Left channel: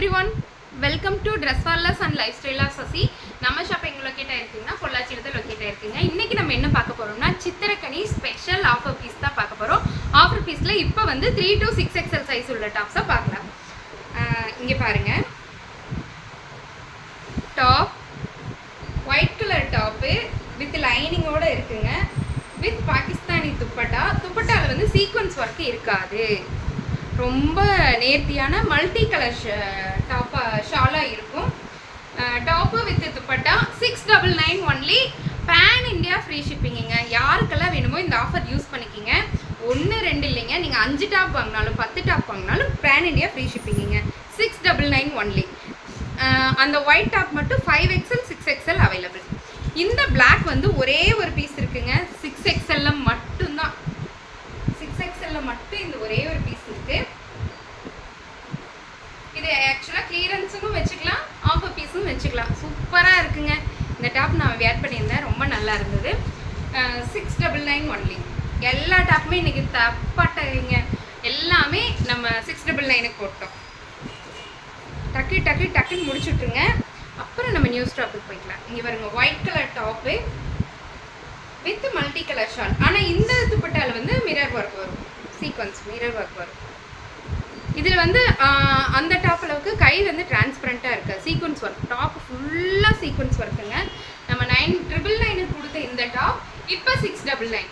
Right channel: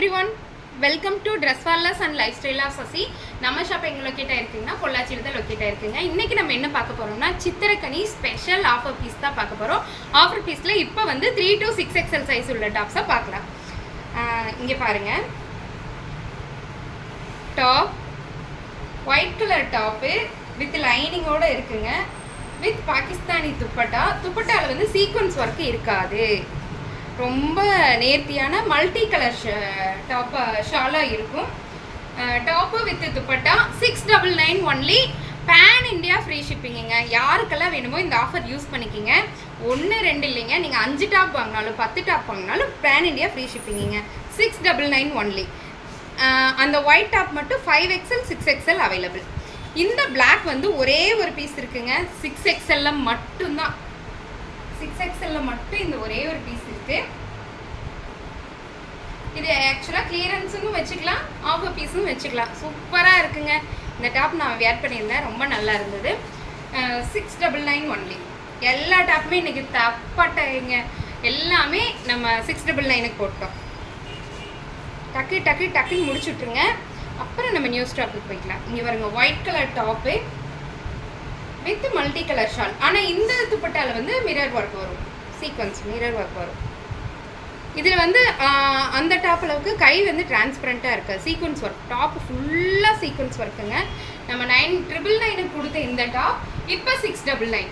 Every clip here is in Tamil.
everyone, welcome to Dress Wallers and Lifestyle of Sasi. நம்ம ஷாப் எங்க லொகேட் ஆயிருக்குன்னா பொள்ளாச்சியில தான் லொகேட் ஆயிருக்குங்க. இன்னைக்கு நம்ம என்ன பார்க்க போறோம்னா சித்திரக்கனி ஸ்பெஷல் ஆஃபர் பீஸ் தான் பார்க்க போறோம். ஆஃபர் பீஸ்ல இப்போ வந்து 3 to 6XL சைஸ் உள்ள டாப்ஸை பார்க்கலாம். இங்க பாருங்க, top white colour top with லைனிங்கோட இருக்குங்க. வித் பாகிஸ்தானி துப்பட்டாவில் வந்து சீக்வன்ஸ் ஒர்க் இருக்காது. ரொம்ப நேர்த்தியான மல்டி கலர் ஷாலாக இருக்கும். Top with dupatta 699 only. Pan India free ஷிப்பிங்குங்க. யாருக்கெல்லாம் வேணுமோ இந்த ஆஃபர் யூஸ் பண்ணிக்கிங்க. 1-2 இல்லைங்க, நீங்கள் 5 டாப் வாங்கினாலும் 10 டாப் வாங்கினாலும் பேன் இண்டியா ஃப்ரீ ஷிப்பிங்குங்க. 699 ஒன்லி. அந்த ஒயிட் டாப் மட்டும் 5XL 6XL அவைலபிள். இந்த பிளாக் வந்து ஒரே ஒரு பீஸ் இருக்குங்க. 6XL மட்டும்தான். 6XL மட்டும் இந்த ஒரே ஒரு பீஸ் இருக்கு. இது ஆக்சுவலாக கிளியரன்ஸும் வச்சுக்கலாம், ஆஃபர் பீஸும் வச்சுக்கலாம். சூப்பராக இருக்குங்க. இந்த டாப் நான் வேர் பண்ணியிருந்தேன், ரொம்ப நல்லா இருந்தது. 699 ஒன்லி. எல்லா டாப்புமே இன்றைக்கி தப்பாட்டங்க. எல்லாமே நம்ம 699க்கு போட்டோம். டக்குன்னு முடிச்சு விட்ருங்க. அப்புறம் நம்ம நியூ ஸ்டாப்புக்கு போய்க்கலாம். இங்கே பாருங்க, white colour top with multi colour shawl. ஆனால் இந்த துப்பட்டாவில் வந்து மிரர் ஒர்க் வரும், சீக்வன்ஸ் மிரர் ஒர்க் வரும். இதில் வந்து அந்த டாப் அளவுக்கு கை வந்து டிரான்ஸ்பரண்ட்டாக இருக்குது. சீக்வன்ஸ் ஒர்க் டாப் ஃபுல்லாக சீக்வன்ஸ் ஒர்க்குங்க. நம்ம 999க்கு கொடுத்த இந்த டாப் இப்போ 699.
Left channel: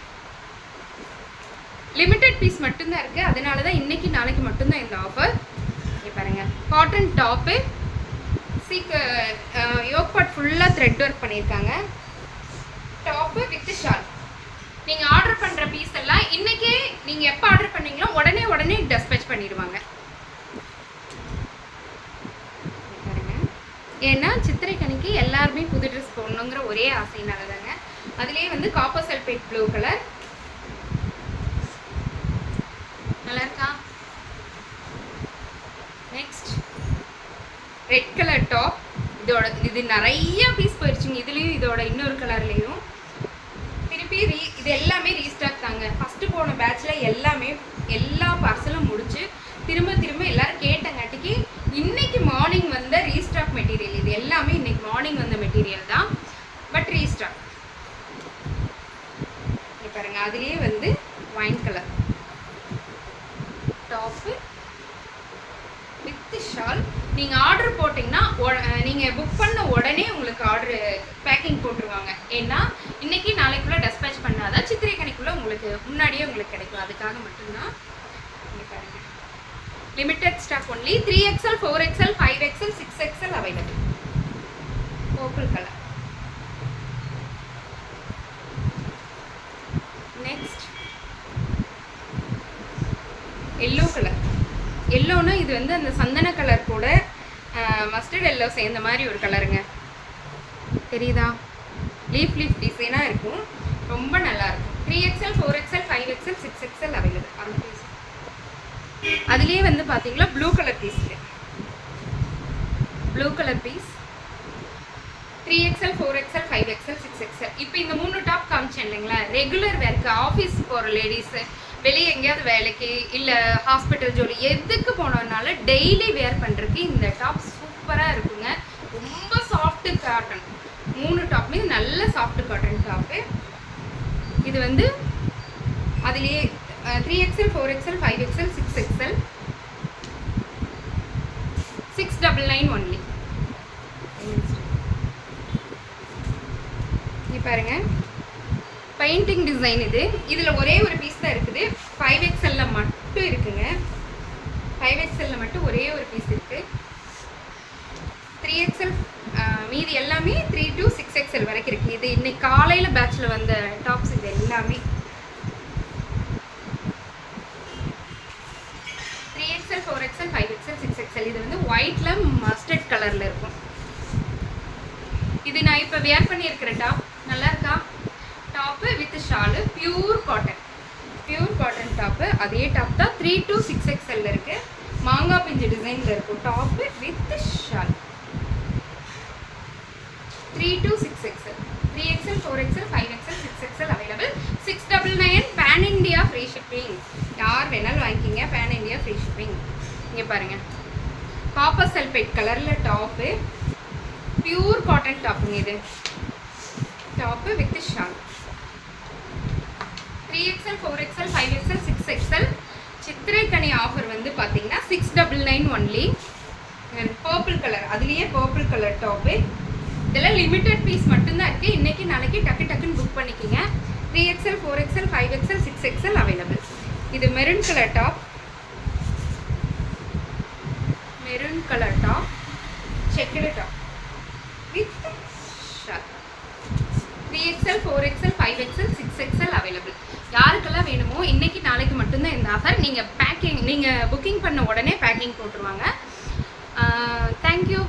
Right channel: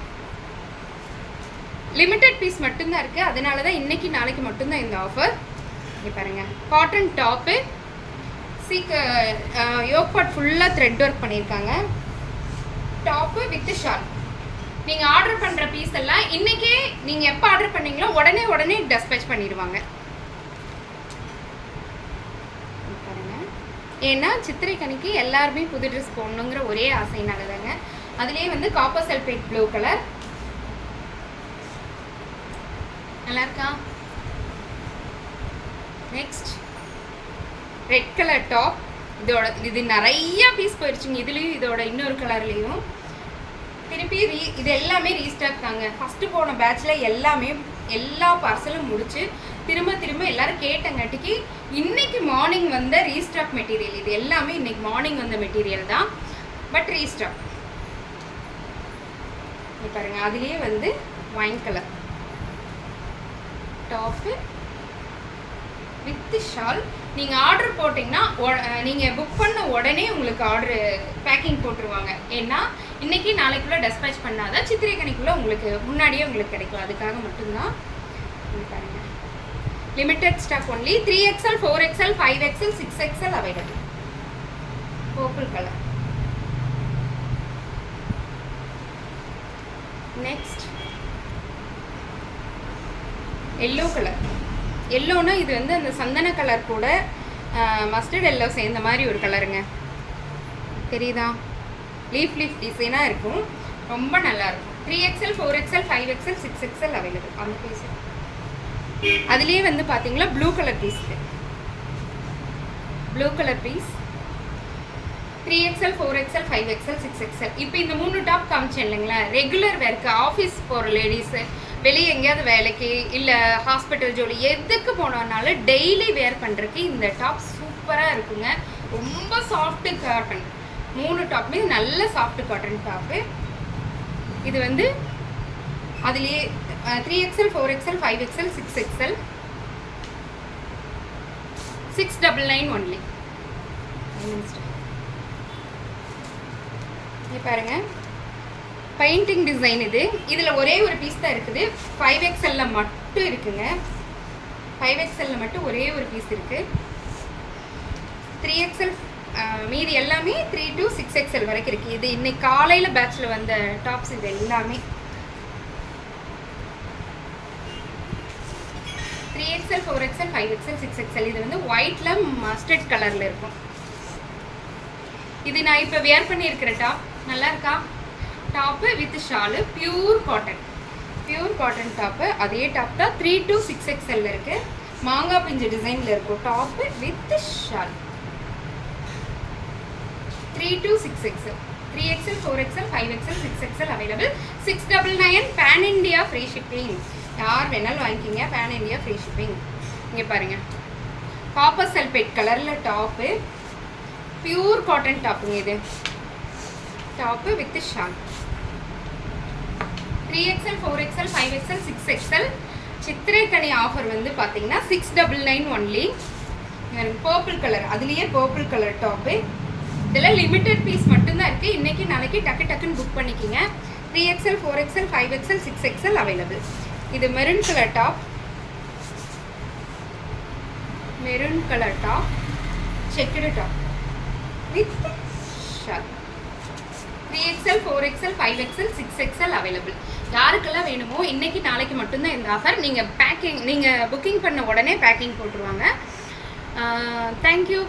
லிமிட்டட் பீஸ் மட்டும்தான் இருக்குது. அதனால தான் இன்றைக்கி நாளைக்கு மட்டும்தான் இந்த ஆஃபர். இங்கே பாருங்கள், காட்டன் டாப்பு யோக் பார்ட் ஃபுல்லாக த்ரெட் ஒர்க் பண்ணியிருக்காங்க. Top with shawl. நீங்கள் ஆர்டர் பண்ணுற பீஸ் எல்லாம் இன்றைக்கே நீங்கள் எப்போ ஆர்டர் பண்ணீங்களோ உடனே டெஸ்பேச் பண்ணிடுவாங்க. பாருங்க, ஏன்னா சித்திரைக்கனிக்கு எல்லாருமே புது ட்ரெஸ் போடணுங்கிற ஒரே ஆசைனால தாங்க. அதுலேயே வந்து காப்பர் சல்பேட் ப்ளூ கலர் நல்லா இருக்கா. Next red colour top. இது நிறைய பீஸ் போயிடுச்சுங்க. இதுலேயும் இதோட இன்னொரு கலர்லேயும் திருப்பி இது எல்லாமே ரீஸ்டாக் தாங்க. ஃபஸ்ட்டு போன பேட்சில் எல்லா பார்சலும் முடிச்சு திரும்ப எல்லோரும் கேட்டங்காட்டிக்கு இன்றைக்கி மார்னிங் வந்த ரீஸ்டாக் மெட்டீரியல். இது எல்லாமே இன்றைக்கி மார்னிங் வந்த மெட்டீரியல் தான், பட் ரீஸ்டாக். இது பாருங்கள், அதுலேயே வந்து wine colour top with shawl. நீங்கள் ஆர்டர் போட்டிங்கன்னா நீங்கள் புக் பண்ண உடனே உங்களுக்கு ஆர்டரு பேக்கிங் போட்டுருவாங்க. ஏன்னா இன்றைக்கி நாளைக்குள்ளே டெஸ்பேச் பண்ணாதான் சித்திரைக்கனிக்குள்ளே உங்களுக்கு முன்னாடியே உங்களுக்கு கிடைக்கும். அதுக்காக மட்டும்தான். பாருங்கள், limited stock only. 3XL 4XL 5XL 6XL available. Purple colour. Next yellow colour. எல்லோனா இது வந்து அந்த சந்தன கலர் கூட மஸ்டர்ட் எல்லோ சேர்ந்த மாதிரி ஒரு கலருங்க. தெரியுதா? லீஃப் டிசைனாக இருக்கும், ரொம்ப நல்லாயிருக்கும். 3XL 4XL 5XL 6XL available. அந்த பீஸ் அதுலேயே வந்து பார்த்தீங்களா blue colour piece. Blue colour piece 3XL 4XL 5XL 6XL. இப்போ இந்த 3 டாப் காமிச்சேன் இல்லைங்களா, ரெகுலர் வேர்க்கு ஆஃபீஸ் போகிற லேடிஸு, வெளியே எங்கேயாவது வேலைக்கு இல்லை ஹாஸ்பிட்டல் ஜோலி எதுக்கு போனோம்னாலும் டெய்லி வேர் பண்ணுறதுக்கு இந்த டாப் சூப்பராக இருக்குங்க. ரொம்ப சாஃப்ட்டு காட்டன். 3 டாப்புமே நல்ல சாஃப்ட் காட்டன் டாப்பு. இது வந்து அதுலேயே 3XL 4XL 5XL 6XL 699 only. இங்கே பாருங்கள், பெயிண்டிங் டிசைன். இதில் ஒரே ஒரு பீஸ் தான் இருக்குது. 5XL மட்டும் இருக்குங்க. 5XL மட்டும் ஒரே ஒரு பீஸ் இருக்குது. 3XL மீதி எல்லாமே 3 to 6XL வரைக்கும் இருக்குது. இது இன்னைக்கு காலையில் பேட்சில் வந்த டாப்ஸ். இது எல்லாமே 3XL 4XL 5XL 6XL. இது வந்து ஒயிட்டில் மஸ்டர்ட் கலரில் இருக்கும். இது நான் இப்போ வேர் பண்ணியிருக்கிற டாப் நல்லா இருக்கா. Top with shawl, pure cotton top. அதே டாப் தான் 3 to 6XL இருக்குது. மாங்காய் பிஞ்சு டிசைனில் இருக்கும். Top with shawl 3 to 6XL. 3XL 4XL 5XL 6XL available. 699 pan India free shipping. யார் வேணாலும் வாங்கிக்கிங்க, பேன் இண்டியா ஃப்ரீ ஷிப்பிங். இங்கே பாருங்கள், காப்பர் சல்பேட் கலரில் டாப்பு, பியூர் காட்டன் டாப்புங்க இது. Top with shawl. 3XL 4XL 5XL 6XL. சித்திரைக்கனி ஆஃபர் வந்து பார்த்தீங்கன்னா 699 ஒன்லி. பர்பிள் கலர், அதுலேயே பர்பிள் கலர் டாப்பு. இதெல்லாம் லிமிட்டட் பீஸ் மட்டும்தான் இருக்குது. இன்றைக்கி நாளைக்கு டக்குன்னு புக் பண்ணிக்கிங்க. 3XL 4XL 5XL 6XL available. இது maroon colour top, maroon colour top, checked top with shawl. 3XL 4XL 5XL 6XL available. யாருக்கெல்லாம் வேணுமோ இன்றைக்கி நாளைக்கு மட்டும்தான் இந்த ஆஃபர். நீங்கள் புக்கிங் பண்ண உடனே பேக்கிங் போட்டுருவாங்க. தேங்க்யூ.